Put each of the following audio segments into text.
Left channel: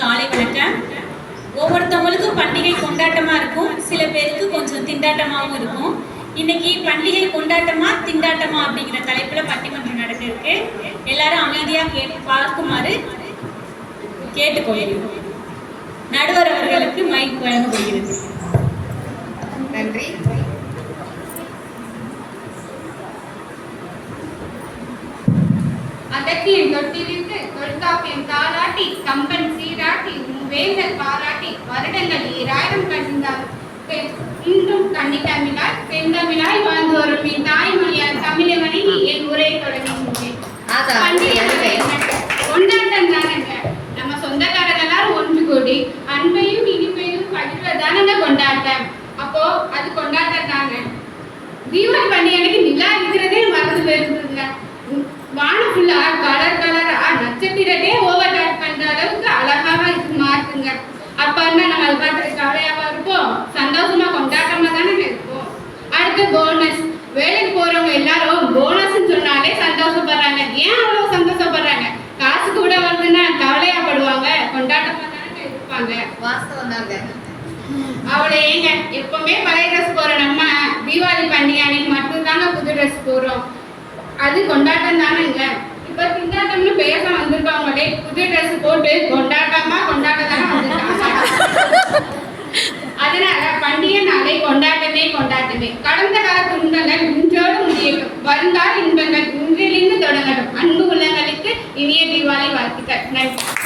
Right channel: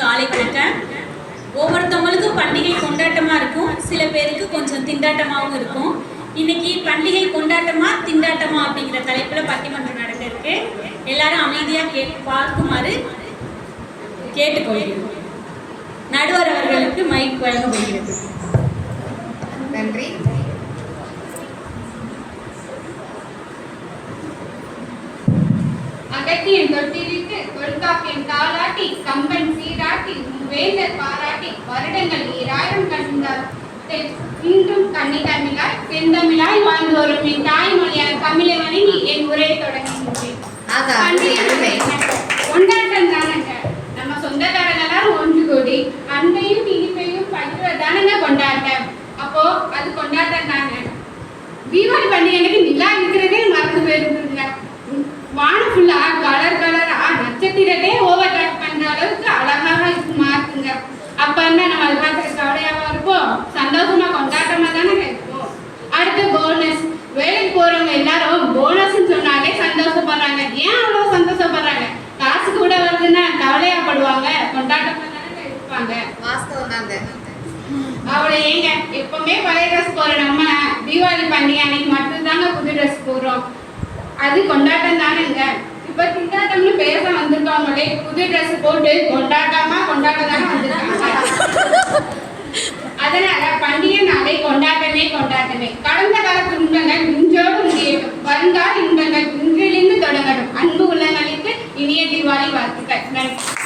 காலை வணக்கம். ஒவ்வொருத்தவங்களுக்கும் பண்டிகை கொண்டாட்டமா இருக்கும். சில பேருக்கு கொஞ்சம் திண்டாட்டமாகவும் இருக்கும். இன்னைக்கு பண்டிகை கொண்டாட்டமா திண்டாட்டமா அப்படிங்கிற தலைப்புல பட்டிமன்றம் நடக்க இருக்கு. எல்லாரும் அமைதியா கே பார்க்குமாறு கேட்டுக்கொள்கிறோம். நடுவர் அவர்களுக்கு மைக் வழங்கப்படுகிறது. நன்றி. தொட்டிலிட்டு தொல்காப்பியம் தாளாட்டி கம்பன் சீராட்டி வேந்தர் பாராட்டி வருடங்கள் ஈராயிரம் கண்டார் இன்றும் கண்ணி தமிழாய் வாழ்ந்து வரும் என் தாய்மொழியார் தமிழை வணங்கி என் உரையை தொடங்குகின்றேன். கொண்டாட்டம் தானங்க நம்ம சொந்தக்காரர்களால் ஒன்று கூடி அன்பையும் இனிப்பையும் பகிர்வதானங்க கொண்டாட்டம்? அப்போ அது கொண்டாட்டம் தாங்க தீபாவளி பண்டிகை அன்னைக்கு நிலா இருக்கிறதே மறந்து போயிருக்குங்க வானம் ஃபுல்லா கலர் கலரா நட்சத்திரத்தையே ஓவர் டாட் பண்ற அளவுக்கு அழகாக இருக்கு மாத்துங்க அப்ப என்ன நம்ம அதை பார்த்து கவலையாவா இருப்போம் சந்தோஷமா கொண்டாட்டமா தானே இருப்போம் அடுத்து போனஸ் வேலைக்கு போறவங்க எல்லாரும் போனஸ்ன்னு சொன்னாலே சந்தோஷப்படுறாங்க ஏன் அவ்வளவு சந்தோஷப்படுறாங்க காசு கூட வருதுன்னா கவலையாப்படுவாங்க கொண்டாட்டமா தானே இருப்பாங்க வாஸ்தவம் தாங்க அவளை ஏங்க எப்பவுமே பழைய ட்ரெஸ் போடுற நம்ம தீபாவளி பண்டிகை அன்னைக்கு மட்டும்தாங்க புது ட்ரெஸ் போடுறோம். அது கொண்டாட்டம் தானேங்க இப்ப திண்டாட்டம்னு பேச வந்திருப்பாங்களே புது ட்ரெஸ் போட்டு கொண்டாட்டமா கொண்டாட்டமா வந்திருக்காங்க. அதனால பண்டிகை நாளை கொண்டாட்டமே கொண்டாட்டமே. கடந்த காலத்து துன்பங்கள் இன்றோடு முடியட்டும். வருங்கால இன்பங்கள் இன்றிலிருந்து தொடங்கட்டும். அன்பு உள்ளங்களுக்கு இனிய தீபாவளி வாழ்த்துக்கள். நன்றி.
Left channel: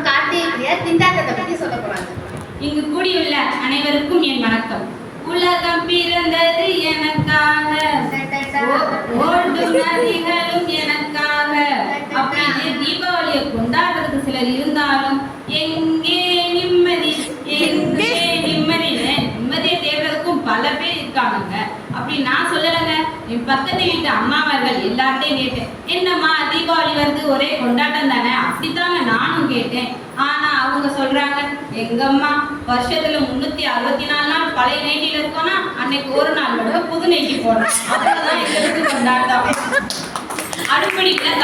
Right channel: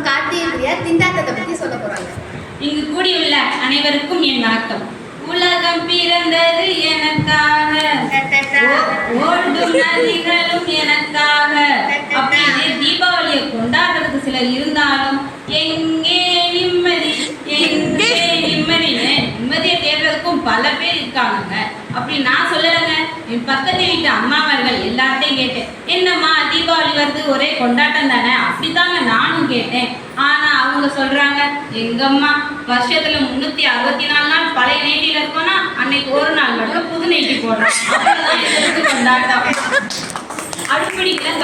நம்ம கார்த்திகை பிரியா திண்டாட்டத்தை பத்தி சொல்ல போறாங்க. இங்கு கூடியுள்ள அனைவருக்கும் என் வணக்கம். உலகம் பிறந்தது எனக்காக. ஓடும் நதிகளும் எனக்காக. அப்படின்னு தீபாவளியை கொண்டாடுறதுக்கு சிலர் இருந்தாலும் பக்கத்து வீட்டு அம்மாவர்கள் எல்லார்ட்டையும் கேட்டேன் என்னம்மா தீபாவளி வருது ஒரே கொண்டாட்டம் தானே? அப்படித்தாங்க நானும் கேட்டேன். ஆனா அவங்க சொல்றாங்க எங்கம்மா வருஷத்துல முன்னூத்தி அறுபத்தி நாலு நாள் பழைய நெய்டியில இருக்கோம்னா அன்னைக்கு ஒரு நாள் மட்டும் புது நெய்டி போடுறோம். கொண்டாட்டம்.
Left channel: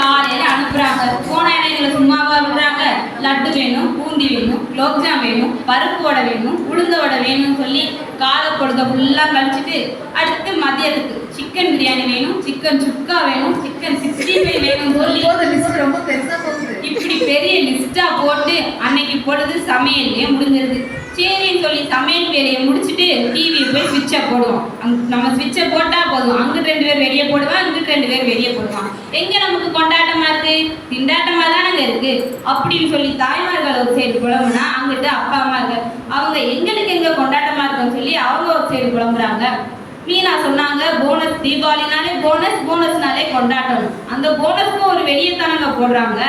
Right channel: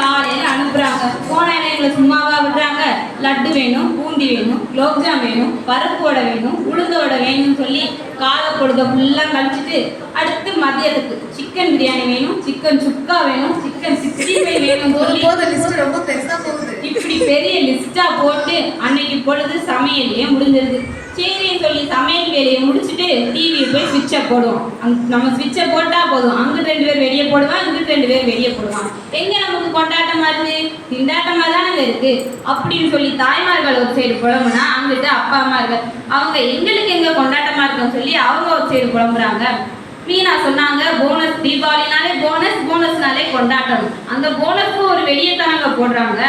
காலையில அனுப்புறாங்க. போன எங்களை சும்மாவா விடுறாங்க. லட்டு வேணும் பூண்டி வேணும் குலோப்ஜாம் வேணும் பருப்பு வடை வேணும் உளுந்த வடை வேணும்னு சொல்லி காலை பொழுத ஃபுல்லா கழிச்சிட்டு அடுத்து மதியத்துக்கு சிக்கன் பிரியாணி வேணும் சிக்கன் சுக்கா வேணும் சிக்கன் சிக்ஸ்டி ஃபைவ் வேணும்னு சொல்லி. ரொம்ப பெருசா போகுது. இப்படி பெரிய லிஸ்டா போட்டு அன்னைக்கு பொழுது சமையல்லே முடிஞ்சிருது. சரின்னு சொல்லி சமையல் வேலையை முடிச்சுட்டு டிவியை போய் சுவிட்சை போடுவோம். அங்க- நம்ம சுவிட்சை போட்டா போதும். அங்கிட்டு ரெண்டு பேர் வெளியே போடுவான் இங்கிட்டு ரெண்டு பேர் வெளியே போடுவான். எங்க நமக்கு கொண்டாட்டமா இருக்கு? திண்டாட்டமா தானங்க இருக்கு? அப்படின்னு சொல்லி தாய்மார்கள் ஒரு சைடு புலம்புனா அங்கிட்டு அப்பா அம்மா இருக்கு அவங்க எங்களுக்கு எங்க கொண்டாட்டமா இருக்குன்னு சொல்லி அவங்க ஒரு சைடு புலம்புறாங்க. மீனா சொன்னாங்க போனஸ் தீபாவளினாலே போனஸ் போனஸ்னாலே கொண்டாட்டம். அந்த போனஸ்க்கு ஒரு வெளியே தானங்க போடுறாங்க.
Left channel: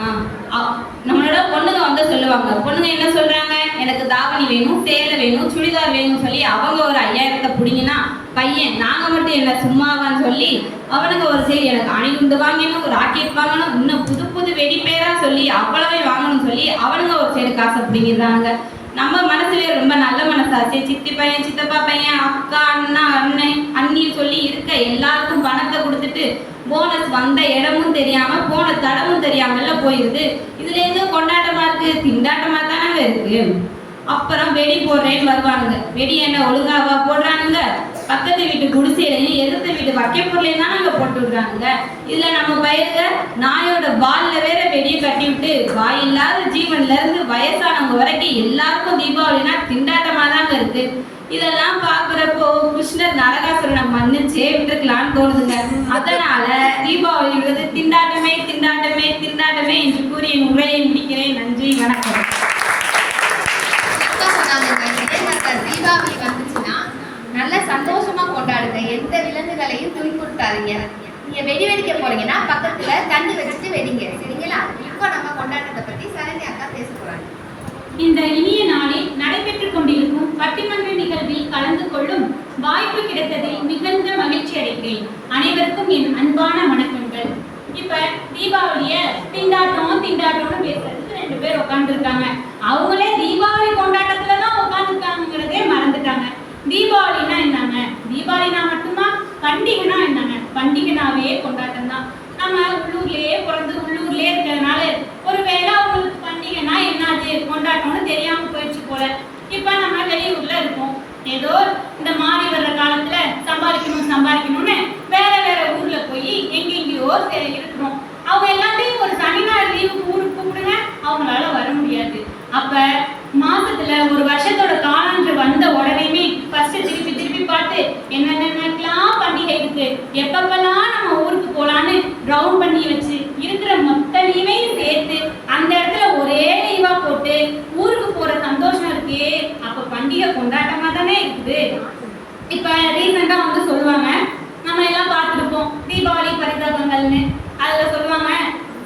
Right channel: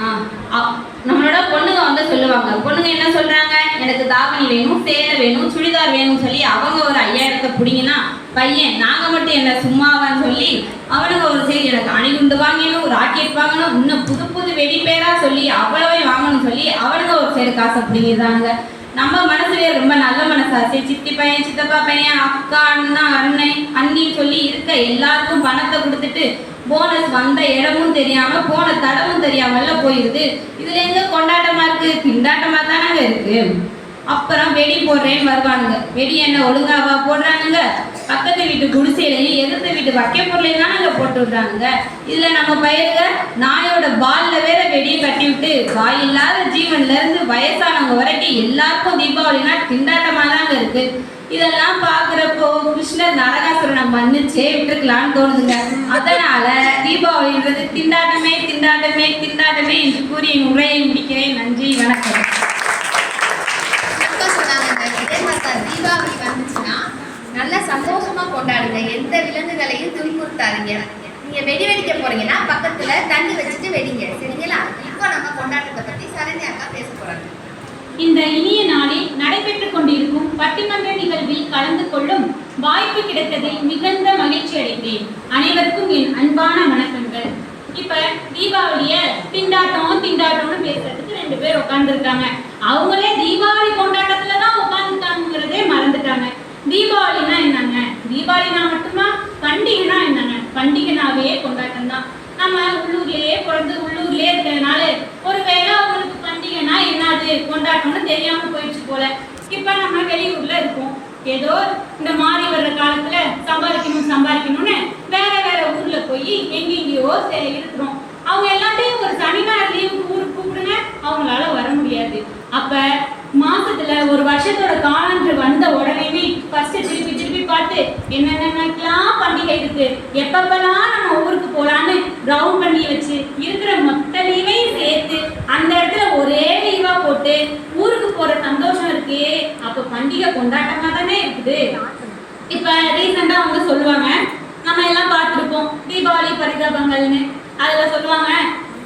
ஆ, நம்மளோட பொண்ணுங்க வந்து சொல்லுவாங்க பொண்ணுங்க என்ன சொல்றாங்க? எனக்கு தாவணி வேணும் சேலை வேணும் சுடிதார் வேணும்னு சொல்லி அவங்க ஒரு ஐயாயிரத்தை பிடிங்கினா பையன் நாங்க மட்டும் என்ன சும்மாவான்னு சொல்லி அவனுக்கு ஒரு சரி எனக்கு அணிகுண்டு வாங்கணும் ராக்கெட் வாங்கணும் இன்னும் புது புது வெடி பேரா சொல்லி அவ்வளவே வாங்கணும்னு சொல்லி அவனுங்க ஒரு சைடு காசை பிடிங்கிடுறாங்க. நம்ம மனசுலயே ரொம்ப நல்ல மனசாச்சு சித்தி பையன் சித்தப்பா பையன் அக்கா அண்ணா அண்ணன் அண்ணின்னு சொல்லி இருக்க எல்லாருக்கும் பணத்தை கொடுத்துட்டு போனஸ் வந்த இடமும் தெரியாம போன தடமும் தெரியாமல போயிருது. இதுல இருந்து கொண்டாட்டமா இருக்கு? திண்டாட்டமா தானே இருக்கு. அப்புறம் வெடி போடுறேன்னு வருவானுங்க. வெடி என்ன ஒழுங்காவா போடுறானுங்க? பக்கத்து வீட்டு குடிசையிலையும் எதிர்த்த வீட்டு வைக்க பொருளையும் தானங்க போட்டு விடுறாங்க இதில் நம்ம பயிர்க நாயோட பாலில் வேற வெடியை கட்டி விட்டு வாய் இல்லாத ஜீவன்ல இருந்து வயசானவங்க வரைக்கும் எல்லாருக்கும் தீபாவளினா திண்டாட்டமாக தாங்க இருக்கு. இதெல்லாம் பார்க்குறப்போ கிருஷ்ணர் நரகாசுரனை மன்னிச்சே விட்டுருக்கலாம்னு தோணுதுங்க. அதனால தீபாவளின்றது திண்டாட்டமே திண்டாட்டமே திண்டாட்டமே என்று கூறி என் உரையை முடிக்கிறேன். நன்றி வணக்கம். தீபாவளி வந்துச்சுன்னா நல்ல சந்தோஷமா கொண்டாடுங்க. எந்த விலங்குகளையும் துன்புறுத்தாதீங்க. நீங்க வெடி வெடிக்க போறீங்கன்னா பக்கத்துல தண்டு வச்சுட்டு வெடிங்க. சரிங்களா? இப்போ நம்ம கொண்டாட்டத்தை பத்தி சரண்யா அக்கா பேச போறாங்க. இந்த இனிய நாளில் நடைபெற்றுக் கொண்டிருக்கும் பட்டிமன்ற நிகழ்வில் கலந்து கொள்ளும் வாய்ப்பு கிடைத்ததில் மிகுந்த மகிழ்ச்சி அடைந்தேன். அனைவருக்கும் என் அன்பான வணக்கங்கள். இப்ப தீபாவளிய திண்டாட்டம் திண்டாட்டம்னு பேசுறதுக்கு ரெண்டு பேர் உட்கார்ந்துருக்காங்க அவங்களே தீபாவளி கொண்டாட்டத்துல தான் உட்கார்ந்துட்டாங்கிறதே மறந்துட்டாங்க தீபாவளி ஒரே கொண்டாட்டம் தான் நம்ம உள்ளூர்லயே பிறந்து உள்ளூர்லயே இருக்கிறதுனால ஒருவேளை அவங்களுக்கு பண்டிகைனா என்னது கொண்டாட்டம்னு தெரியாம போயிடுச்சு போல இப்ப நம்ம வெளியூர்ல இருக்கோம் ஏதோ இந்த மாறி வர்ற காலத்துல சம்பாதிக்கணும் சம்பாதிக்கணும்னு வேற வேற ஊர்ல போய் எங்கெங்கயோ இருக்கிறோம் அவங்க எல்லாத்தையும் ஒரு சனி ஞாயிறு லீவு ஊருக்கு கூப்பிடுங்க அவங்களால வர முடியாது. அப்ப மாசத்துல ஒரு வருஷத்தோட காலன்று வந்த உடனேமே ஃபர்ஸ்ட் திருப்பி திருப்பி பார்த்து என்னென்னலாம் பண்டிகை இருக்கு எப்பப்ப நம்ம ஊருக்கு போலான்னு ரவுண்ட் பண்ணி வச்சு இருக்கிற மொத்த லீவையும் சேர்த்து அந்த இடத்துல ஒரே லீவா போட்டு ஊருக்கு போற ஓகே அப்ப பண்டிகை கொண்டாட்டமா தானே இருக்குது. இப்ப ரீசெண்டா வந்து சொல்லுவாங்க நம்ம எல்லாம் பார்த்திருப்போம் தீபாவளி பரிதாபங்கள்னு. அதுல சொல்லுவாங்க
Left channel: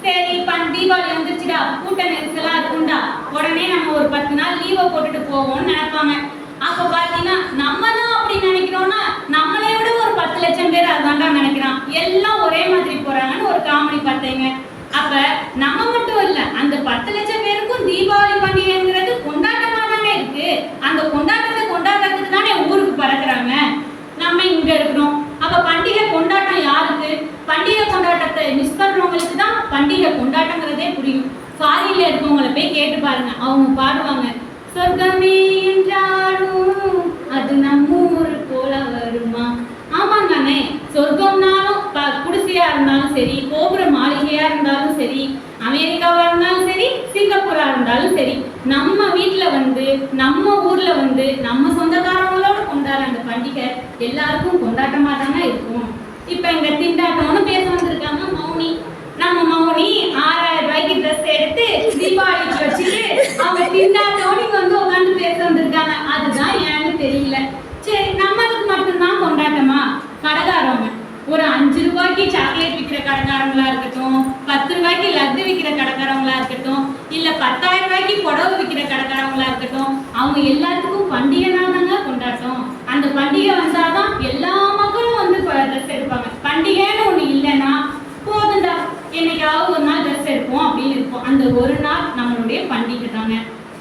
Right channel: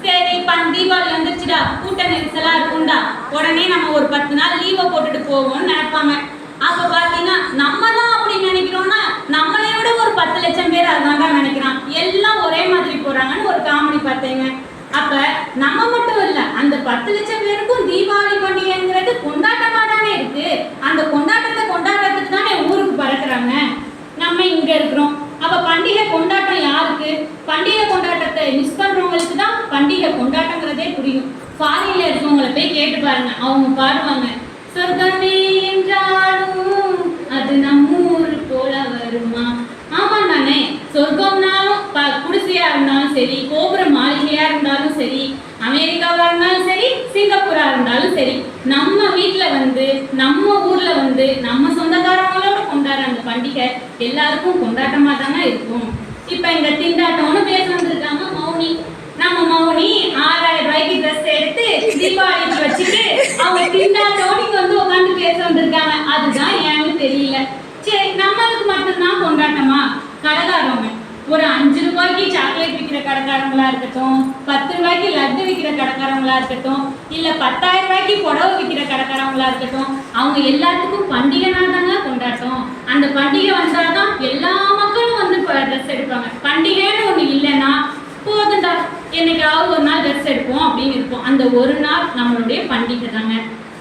சரி தீபாவளி வந்துருச்சுடா கூட்ட நெரிசலா இருக்கும்டா. உடனே நம்ம ஒரு பத்து நாள் லீவை போட்டுட்டு போவோம்னு நினைப்பாங்க. அப்ப பாத்தீங்கன்னா நம்ம தான் அப்படி நினைக்கிறோம்னா நம்மளே விட ஒரு பத்து லட்சம் பேர் அதான்டா நினைக்கிறான். எல்லாம் ஒரே மாதிரி போறாங்கன்னு ஒரு காமெடி பார்த்தீங்க. அப்ப நம்ம மட்டும் இல்ல அந்த பத்து லட்சம் பேருக்கும் தீபாவளி பண்டிகைங்கிறது கொண்டாட்டமா தானே இருக்கு அந்த கொண்டாட்டத்தை கொண்டாடுறதுக்கு தானே ஊருக்கு பறக்குறாங்க நம்ம இங்க இருக்கிறோம் அப்ப பண்டிகை கொண்டாட்டம் யாருக்கு பண்டிகை கொண்டாட்டத்தை மிஸ் பண்றவங்களுக்கு தான் பண்டிகை கொண்டாட்டங்கிறதே புரியும் ஃபாரின்ல இருக்கவங்கள போய் பாருங்க அவங்க பாடுவாங்க சொர்க்கமே என்றாலும் அது நம்ம ஊர் போல வருமா? ஆமா தானே சொர்க்கம்னாலும் குடிசையா இருந்தாலும் சரி கோபுர மாளிகையா இருந்தாலும் சரி அமெரிக்காவா இருந்தாலும் சரி சிங்கப்பூரா இருந்தாலும் சரி நம்ம வீட்டுல வந்து நம்ம ஊர்ல வந்து நம்ம சொந்தக்காரங்களோட கொண்டாடுற அந்த பண்டிகை எல்லாருக்கும் கொண்டாட்டமா தானே இருக்கும். இப்ப எங்க திண்டாட்டம்னு பேச வந்திருக்காங்க நம்ம மௌனி ஆறாயிரம் ரூபாய்க்கு ட்ரெஸ் எடுத்து தீபாவளிக்கு வச்சுட்டு அவங்க தின்னா இங்க வந்து உட்காந்து பேச வந்திருக்காங்க. அதுதான் ஏன்னு தெரியல. சரி நம்மளுக்கு மட்டும்தான் கொண்டாட்டமா? கடைக்காரவங்க ஒரு அஞ்சு ரூபாய்க்கு சாக்லேட் விற்கிற கடைக்காரங்களா இருக்கட்டும் பத்து ரூபாய்க்கு லட்டு விற்கிற கடைக்காரங்களா இருக்கட்டும் இல்ல பத்தாயிரம் ரூபாய்க்கு புடவை விற்கிற கடைக்காரங்களா இருக்கட்டும் அவங்க எல்லாத்துக்கும் பண்டிகைனா தாங்க கொண்டாட்டம். அந்த பண்டிகை வந்தாதான் எல்லா மக்களும் வந்து ட்ரெஸ் எடுப்பாங்க. பண்டிகை என்னைக்காவது ஒரு நாள் ரெஸ்ட் எடுப்போம் அப்படின்னு இருப்போம் அந்த ஒரு நாள் நம்மளுடைய பண்டிகை தாங்க.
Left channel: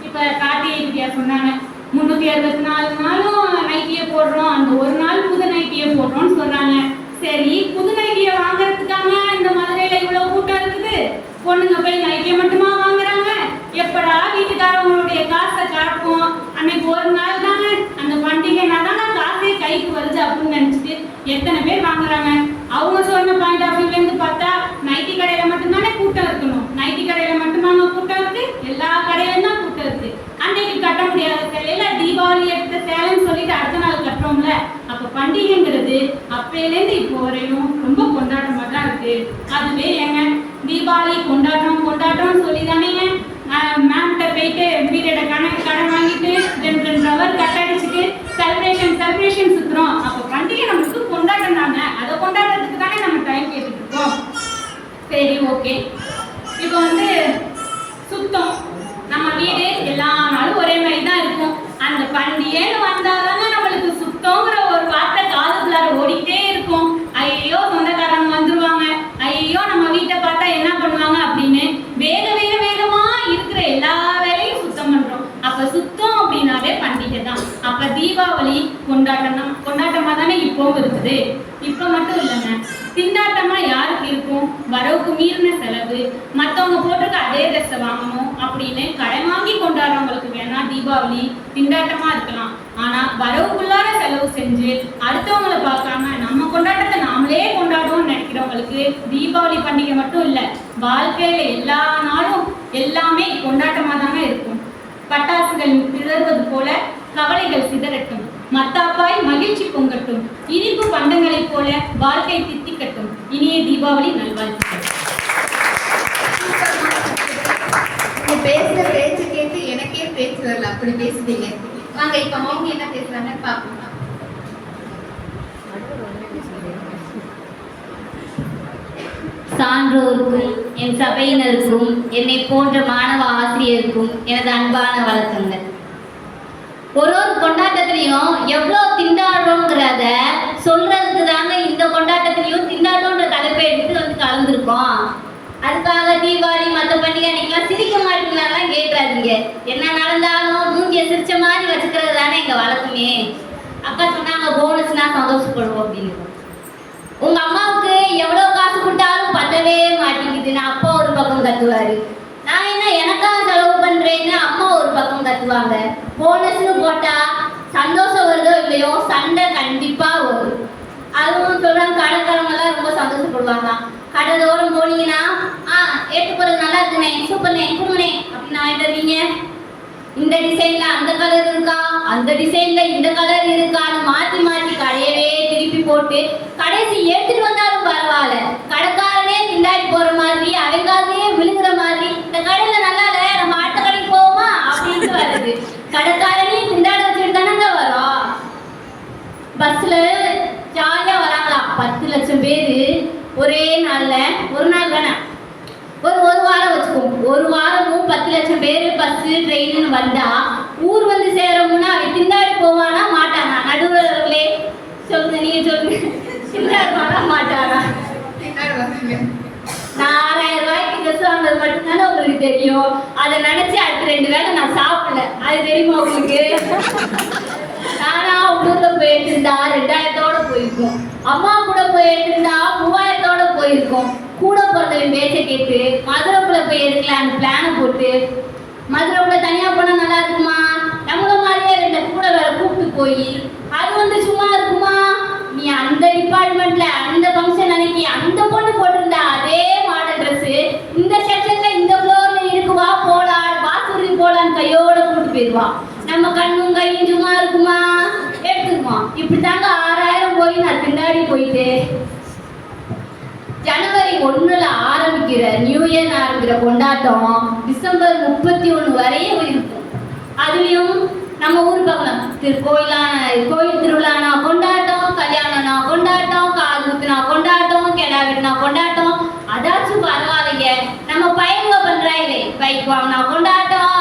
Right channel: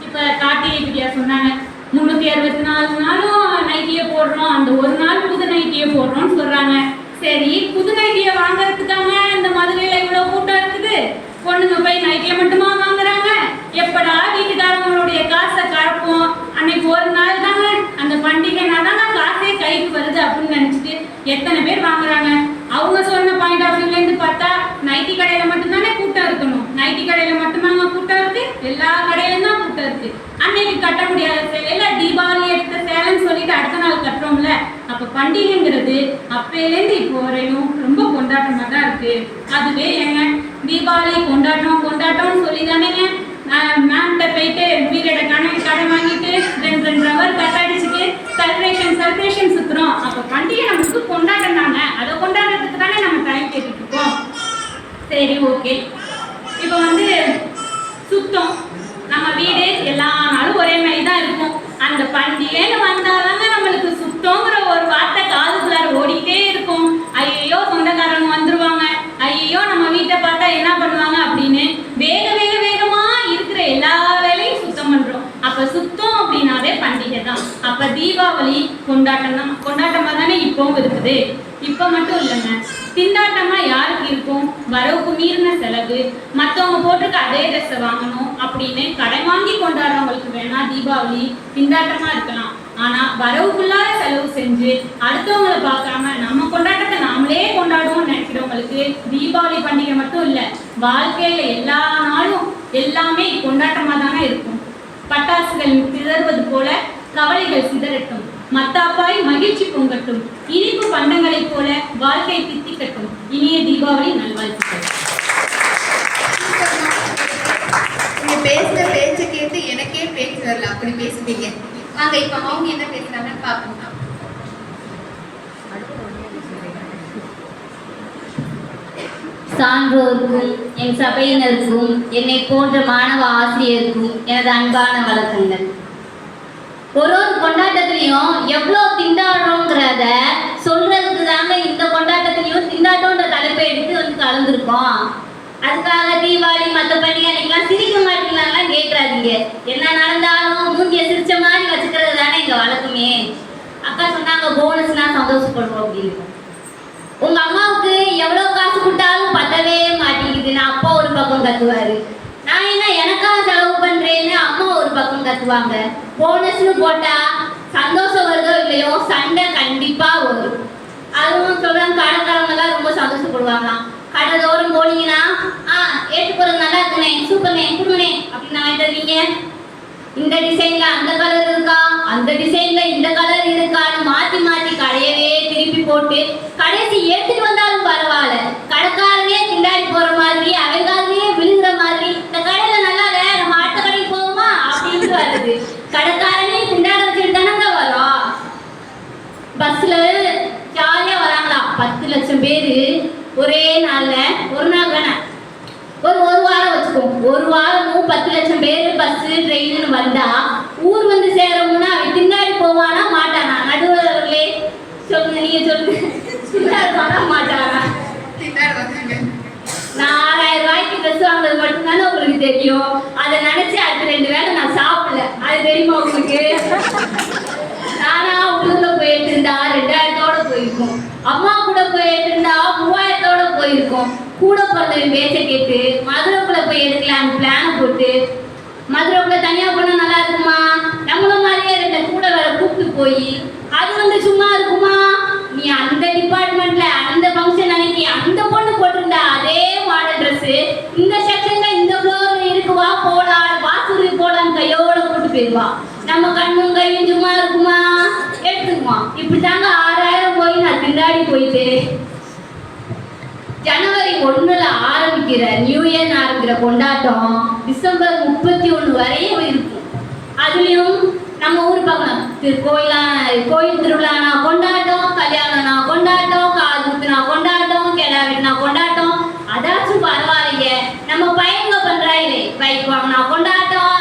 இப்ப கார்த்திகை பிரியா சொன்னாங்க முன்னூத்தி அறுபத்தி நாலு நாள் நைட்டியே போடுறோம் அந்த ஒரு நாள் புது நைட்டியே போடுறோம்னு சொல்றாங்க சரி புது நைட்டியை வாங்குறதுக்காக இந்த மதுரையில இவ்வளவு கூட்டம் இருக்குது பொண்ணுங்க போய் நைட்டியை மட்டுமா வாங்குறாங்க எப்படா வீட்டுக்காரவங்களுடைய காசை கலப்போம் அன்னைக்கு ஒரு நாள் தானே அந்த பண்டிகைனா தானே காசே கைக்கு வருது அப்படின்னு நினைச்சிட்டு எத்தனை பேர் வாங்குறாங்க அவங்க சொன்ன பாயிண்ட் ஆஃப் வியூல இருந்து பார்த்தா நைட்டி கடையில மட்டும்தானே கூட்டம் இருக்கணும் நைட்டி கடையில மட்டும்தாங்க கூட்டம் இருக்கு எல்லா கடையிலும் தான் கூட்டம் இருக்கு அன்னைக்கு கட்ட முடியாத சேலையில தீபாவளி எடுத்த சேலைன்னு சொல்லிட்டு அடுத்த நாள் கட்டுறோம்ல அப்ப பண்டிகைங்கிறது அப்பையிலேருந்து இப்போ வரையும் ரொம்ப கொண்டாட்டமா தான் இருக்கு. அதுவே ஏங்க தீபாவளி கொண்டாட்டம் கொண்டாட்டம்னு சொல்லி தானேங்க மேம்கிட்ட போயிட்டு பீரியட கணக்கு கடன் வாங்கிட்டு ரெண்டு ரெண்டு ஹவர் கட் அடிச்சுட்டு செலிப்ரேஷன் செலிப்ரேஷன் சுத்துறோம். அப்ப பண்டிகை நமக்கு கொண்டாட்டம் தானே? அதை கொண்டாடுறதுக்கு தானே நம்ம டைம் கேட்டுட்டு இருக்கோம். சரி ஓகே இப்போ வந்து சுத்தம் நம்ம வீடு எல்லா நாளும் ஒரே மாதிரி தான் இருக்கும் அந்த பண்டிகைன்னு வந்தாதாங்க நம்மளுக்கு சுத்தங்கிற ஒரு வார்த்தை காதுக்குள்ளார ஓடிட்டே இருக்கும் ஐயோ சொந்தக்காரங்க வந்துருவாங்க ஐயோ நம்ம வீட்டை பார்த்தா என்ன பண்ணுவாங்க அப்படின்னு வேக வேக வேகமா இருக்கிற எல்லா வேலையும் சுத்தம் பண்றோம் அப்ப சுத்தம் அப்படின்னாவே பண்டிகை தான் அப்ப தீபாவளி கொண்டாட்டம் தான் கொண்டாட்டமா தானே இருக்குது இப்ப மட்டும் இல்லைங்க. திண்டாட்டமா யாருக்கு இருக்கும்? வரவுக்கு மீறின செலவு மத்தவங்க போட்டுக்கு அதே ட்ரெஸ்ஸை வாங்கணும் அப்படின்னு கடன் வாங்கி கொண்டாடுறவங்களுக்கு வேணா தீபாவளி திண்டாட்டமா இருக்கலாம். ஆனா வரவுக்குள்ளார செலவு செஞ்சு அடுத்தவங்களை பார்க்காம நம்ம கொண்டாட்டத்தை நாமளே கொண்டாடுவோம்னு நினைக்கிறவங்களுக்கு தீபாவளி பண்டிகை மட்டும் இல்ல வாழ்க்கையில எல்லா நாளும் எல்லாமே கொண்டாட்டமா தானே இருக்கும். பட்டாசுகள் சிதறுவது போல கவலைகள் சிதறட்டும். மத்தாப்பாய் மகிழ்ச்சி பொங்கட்டும். இனிப்பு பண்டங்களைப் போல வாழ்க்கை தித்திக்கட்டும். இனிய தீபாவளி நல்வாழ்த்துக்கள். நீங்க பேசுற பேச்ச கேட்டு எனக்கே பேச்சு வரல. அப்படி பேசுவீங்க. வாங்க இப்ப மௌனி என்ன பேசுறாங்கன்னு பாப்போம் சான்றோருக்கும் என் சபையினருக்கும் என்னை போன்ற மாணவ ஆசிரியருக்கும் எனது அன்பான வணக்கங்கள். ஒரு ஒரு கொண்டாட்டத்திலையும் எவ்வளோ திண்டாடுறோங்கிறத சொல்றதுக்கு தாங்க இந்த கொண்டாட்டத்திலையும் திண்டாட்டம்ன்ற தலைப்பை எடுத்து வந்து கலந்துருக்கோம். அதுக்காக தீபாவளி மற்ற பண்டிகை அன்னைக்கெல்லாம் சிரிக்க மாட்டீங்களாங்கலாம் கேட்காதீங்க. என்ன நடந்தாலும் மூஞ்சிய சிரிச்ச மாதிரி வச்சுக்கிறது தானே எங்க வழக்கமே. அக்கா சொன்னாங்க போனஸ்னா சந்தோஷப்படுவோம் அப்படின்னு. உங்க அம்மாவுக்கு எவ்வளவு கொடுத்தாலும் பத்தவே மாட்டேங்குதுன்னு அப்பா ஒரு பக்கம் கத்துவாரு நான் என்ன எனக்கா செலவு பண்றேன்னு அம்மா ஒரு பக்கம் கத்துவாங்க. போனஸ்னு போட்டா சந்தோஷம் வருதோ இல்லையோ சண்டை கண்டிப்பா வரும். அதுவும் சொல்றாங்க கடைக்காரங்க எல்லாம் ரொம்ப சந்தோஷப்படுவாங்க. கடை தோறும் போனீங்கன்னா ஆ ஏற்று போறது நல்லா இருக்குண்ணே சூப்பர்ண்ணே கொடுங்கண்ணே அப்படின்னு வாங்கிட்டு வருவீங்க இந்த டிசைன்ல அந்த கலர் இருக்கா? அந்த டிசைன்ல இந்த கலர் இருக்கான்னு மாத்தி மாத்தி கடையவே திருப்பி போட்டு கடைசி எடுத்துட்டு வந்தா பரவாயில்ல கடைக்காரனே திண்டாடி போற மாதிரி அவங்காலே விழுங்குற மாதிரி இந்த கடையில நல்லா இல்ல நம்ம அடுத்த கடைக்கு போவோமா அப்படின்னு வருது கடைக்காரனே திண்டாட வச்சுட்டு தானங்க வரோம் பஸ்ல ஜாலியா வராங்களாம். பத்து லட்சம் பேரு ஒரே நாள்ல ஒரு நாள் தானே? ஒரு ஒரு வாரம் வச்சுக்கோம் ஒரு வாரமும் பத்து லட்சம் பேர் பஸ் ட்ரெயின்னு வந்தா ஊர் வந்து சேரமுன்னா அவன் பின்னாடி போவானா மாட்டானா? நடுவர்களே சொல்லுங்க நீங்க சொல்லுங்க. பின்னாடி போனா மாட்டானா? நான் ஆறாயிரம் ரூபாய்க்கு ட்ரெஸ் வாங்குறது மட்டும்தானே உங்களுக்கு தெரியும். அதை நினைச்சு அடுத்த ரெண்டு வேளை நான் சாப்பிடல. அது தெரியுமா உங்களுக்கு? நானா போயிட்டு இருந்தா ரெண்டாயிரத்தோட போயிருக்கோம். அம்மா கூட போயிட்டு இருந்தா மூவாயிரத்தோட போயிருக்கோம். கூட பிறந்தவன் பேச்ச கேட்டு மதுரைக்குள்ள போய் எடுக்கலான்னு பிளான் போட்டு மதுரைக்குள்ள தனியா போனா நல்லா இருக்குமா? நம்மள மாதிரியே ரெண்டு கூட வேற கூப்பிட்டு போய் அது வந்து சும்மா இருக்குமா? நீ அந்த டிபார்ட்மெண்ட்ல அந்த ஃபங்க்ஷன் அன்னைக்கு அந்த பொண்ணு போட்டிருந்தா அதே மாடல் ட்ரெஸ் இந்த செக்ஷன்ல இந்த ஃப்ளோர்ல இருக்குவா போலாம் வாசூரி போலான்னு கையோட கூட்டு போயிடுவா இப்படித்தாங்க ஆறாயிரம் போய் நான் பின்னாடி போயிட்டு ஜனவரி ஒண்ணுல ஆரம்பிக்கிற நியூ இயர் ஆரம்பிக்கிற கொண்டாட்டம் டிசம்பர் முப்பத்தி ஒண்ணு வரையும் இருக்கும். அதுலயும் நம்ம ஊர் பக்கம் திரு கோயிலா கோயில் திருவிழானா கொண்டாட்டம் கல்யாணம்னா கொண்டாட்டம் காது குத்துனா கொண்டாட்டம் கெடா வெட்டினா கொண்டாட்டம். அதாச்சும் பரவாயில்லைங்க. நம்ம பையங்க பண்றாங்களே பைக் வாங்கினா கொண்டாட்டம்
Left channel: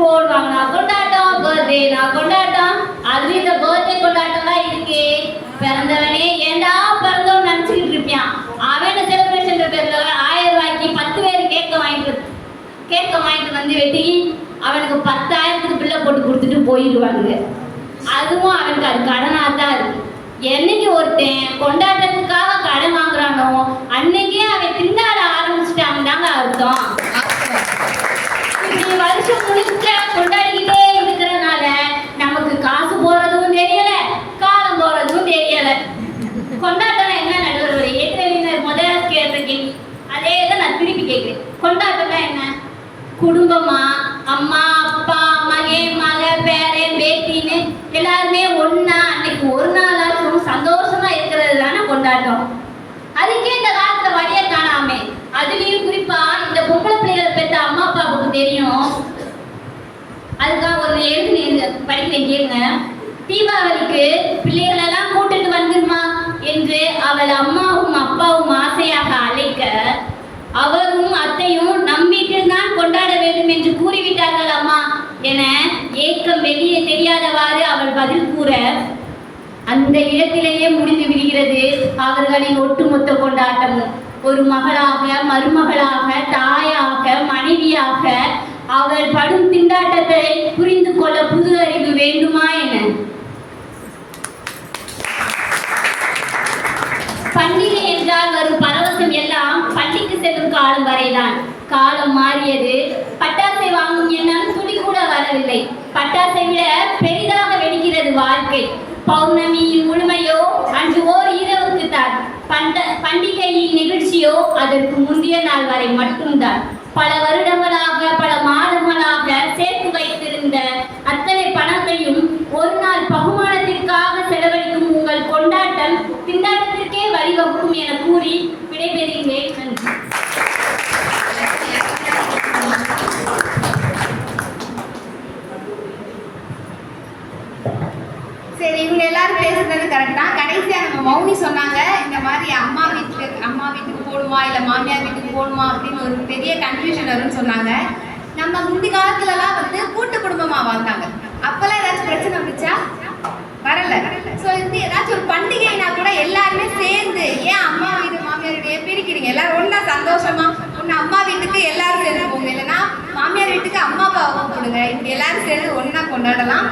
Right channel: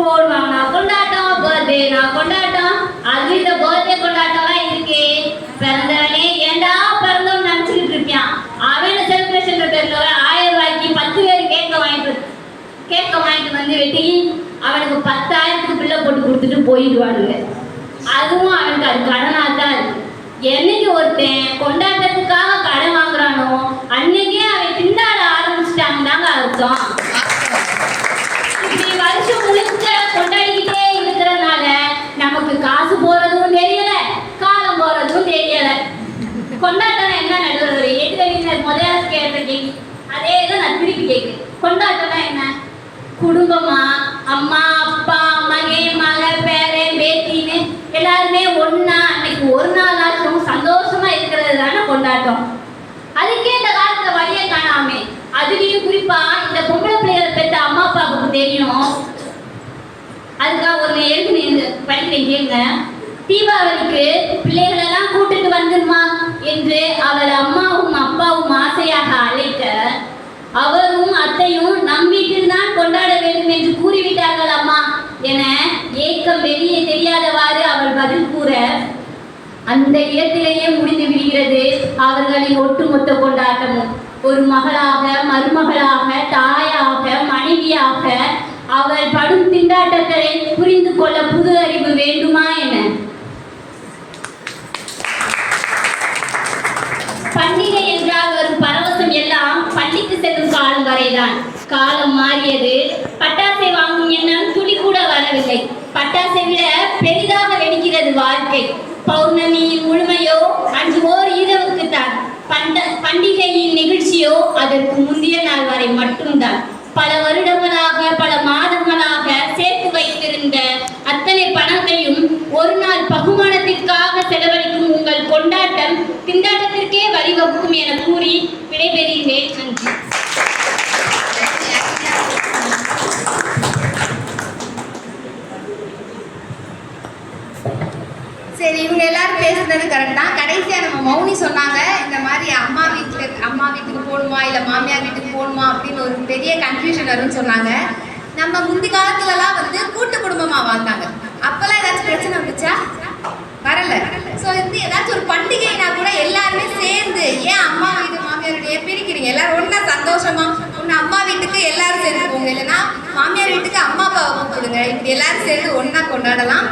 போன் வாங்கினா கொண்டாட்டம் பர்த்டேனா கொண்டாட்டம். அது இந்த பர்த்டே கொண்டாட்டமா இருக்கு? பிறந்தவனே ஏன்டா பிறந்தவன் நினைச்சுக்கிட்டு இருப்பான் அவன செலிப்ரேஷன் பேர்ல ஆயிரம் ரூபாய்க்கு பத்து பேர் கேட்க வாங்கிட்டு கேட்க வாங்கிட்டு வந்து வெட்டி அவனுக்கு பத்தாயிரத்துக்கு பிள்ளை போட்டு கொடுத்துட்டு போயிடுவானுங்க. அதுவும் அவனுக்கு அது கடனாக தான் இருக்கு என்னைக்கு ஒருத்தன் கொண்டாட்டத்துக்காக கடன் வாங்குறானோ அன்னைக்கு போறதும் தெரியல. காலம் போறதும் தெரியல. கொண்டாட்டம் என்ன நடுவர் ஏற்கனவே முதல் கேட்ட கேள்வி அதே தான் நான் திருப்பி கேட்கிறேன். கொண்டாட்டம்னா என்ன? குடும்பமா? அம்மா அப்பா மகே மக பேரன் பேத்தின்னு எல்லாருமே ஒன்னா அன்னைக்கு ஒரு நாள் ஆச்சும் சந்தோஷமா இருக்கிறது தானே கொண்டாட்டம். அதுக்கே இந்த காலத்துல வழிய காணாமே. அதுலயும் குறிப்பா இந்த பொம்பளை பிள்ளைகளை பெற்ற அம்மா அப்பாவுக்கு தெரியும். அதுக்காக ஒரு எழுதி படிக்கிறேன் கேளுங்க. தீபாவளிக்கு பிள்ளைகளெல்லாம் கூட்டிட்டு வந்துருமா என்று அவள் அம்மாவும் அப்பாவும் ஆசையாக அழைக்க அவரும் அத்தையும் நம் வீட்டில் தான் கொண்டாட வேண்டும் என்று கூறிவிட்டார்கள் அம்மா என ஏக்கம் வெளியே தெரியாதவாறு அவள் பதில் கூற அந்த இடத்திலேயே முடிந்து விடுகிறது அவர்களின் ஒட்டுமொத்த கொண்டாட்டமும். ஒரு மகளாக மருமகளாக தாயாக மனைவியாக அவள் படும் திண்டாட்டத்தை புரிந்து கொள்ள புது அறிவு வேண்டுமா என பண்டிகை என்றால் வரும் பரவசம் எல்லாம் பள்ளிக்கு செல்லும் காலம் வரைதான். காலம் மாறியது. பட்டாசை வாங்கும் எண்ணம் துளி கூட வரவில்லை. பட்டாசை விட பெரிதாக வெடிக்கிறது வாழ்க்கை. பௌர்ணமியின் முழுமையோ அன்று ஓர் இரவுக்கு தான். பண்ட பண்டிகையின் நிகழ்ச்சியோ அதற்கு முந்தைய நாள் வரை மட்டும்தான். பல வருடங்களாக பல என கூறி விடைபெறுகிறேன். நன்றி. சரி இவங்க எல்லாரும் பேசுறது கரெக்ட் தான். கடைசியா நம்ம மௌனி சொன்னாங்க இந்த மாதிரி அம்மா வீட்டுக்கு அம்மா வீட்டுக்கு போகணுமா இல்ல மாமியார் வீட்டுக்கு போகணுமா அப்படின்னு ஒரு பெரிய கன்ஃபியூஷன் வரும்னு சொன்னாங்க. நம்ம முந்தி காலத்துலலாம் வந்து கூட்டு குடும்பமா வாழ்ந்தாங்க. அப்பெல்லாம் ஏதாச்சும் பிரச்சனை வந்துச்சா? வரல. ஸோ இது ஏதாச்சும் ஒரு பண்டிகைனா கூட எல்லாருமே சேர்ந்து ஏன் அம்மா வீடு மாமியார் வீடு ஏன் பிரிக்கிறீங்க? எல்லாரும் ஒன்றா சந்தோஷமா ஒன்று அம்மா வீட்டுக்கு எல்லாரும் சேர்ந்து போங்க. இல்லைன்னா மாமியார் வீட்டுக்கு அம்மா அப்பாவை கூப்பிடுங்க. இப்படி எல்லாரும் சேர்ந்து ஒன்றா கொண்டாடலாம்.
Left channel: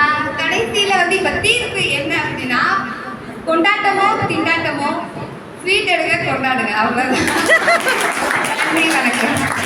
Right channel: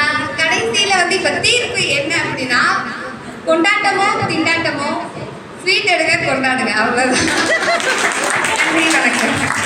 ஆஹ் கடைசியில வந்து இப்ப தீர்ப்பு என்ன அப்படின்னா கொண்டாட்டமோ திண்டாட்டமோ ஸ்வீட் எடுங்க கொண்டாடுங்க. அவ்வளோதான் நன்றி வணக்கம்.